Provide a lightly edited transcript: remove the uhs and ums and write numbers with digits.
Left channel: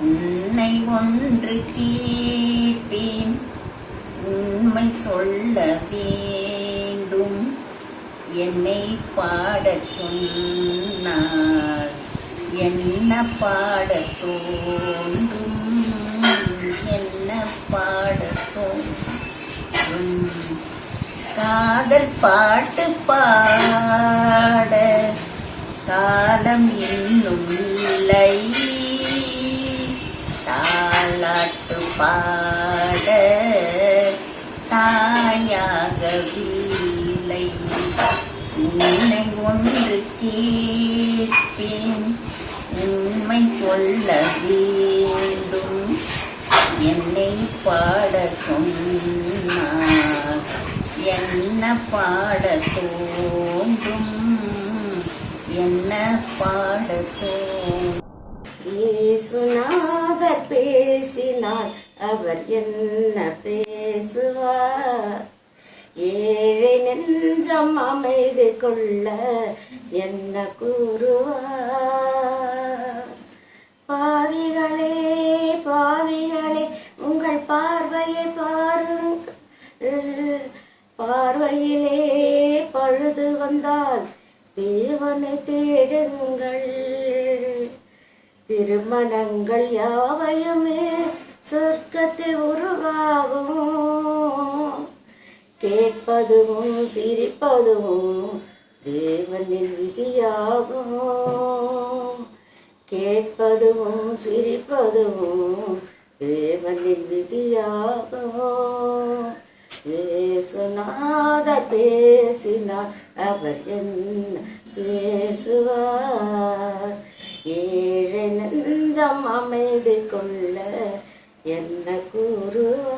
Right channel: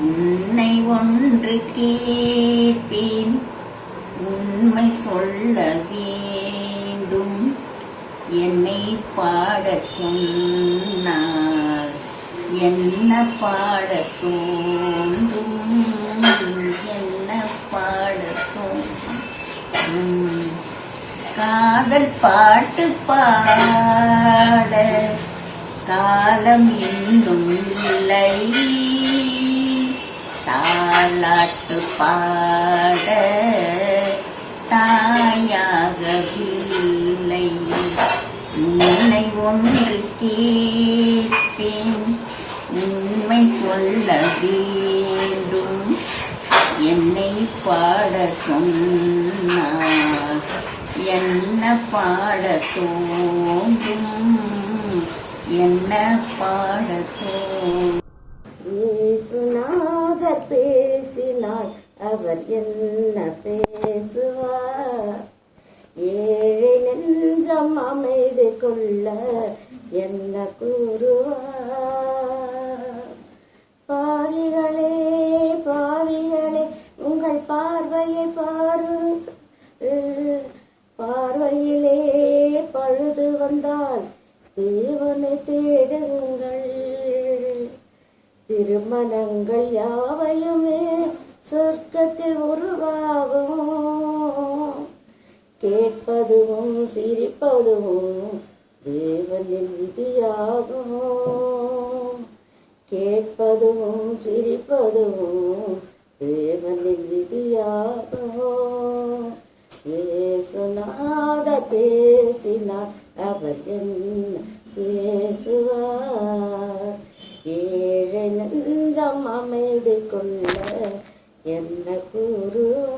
உன்னை ஒன்று கேட்பேன், உண்மை சொல்ல வேண்டும். என்னை பாடச் சொன்னார், என்ன பாடத் தோன்றும், என்ன பாடத் தோன்றும். காதல் பாட்டு பாட காலம் இன்னும் இல்லை, தாலாட்டு பாட தாயாகவில்லை. உன்னை ஒன்று கேட்பேன், உண்மை சொல்ல வேண்டும். என்னை பாட சொன்னார், என்ன பாட தோன்றும், என்ன பாட தோன்றும். இயேசுநாதர் பேசினார், அவர் என்ன பேசுவார்? ஏழை நெஞ்சம் அமைதி கொள்ள என்ன கூறுவார்? பாவிகளே பாவிகளே, உங்கள் பார்வையை பாருங்கள். பார்வையிலே பழுது வந்தால் தேவனை தேடுங்கள். திருமணங்கள் யாவையுமே சொர்க்கத்தில் உருவாகும். கேட்பதும் சிரிப்பதும் தேவனின் விதியாகும். கேட்பதும் சிரிப்பதும் தேவனின் விதியாகும். இயேசுநாதர் பேசினார், அவர் என்ன பேசுவார்? ஏழை நெஞ்சம் அமைதி கொள்ள என்ன கூறுவார்?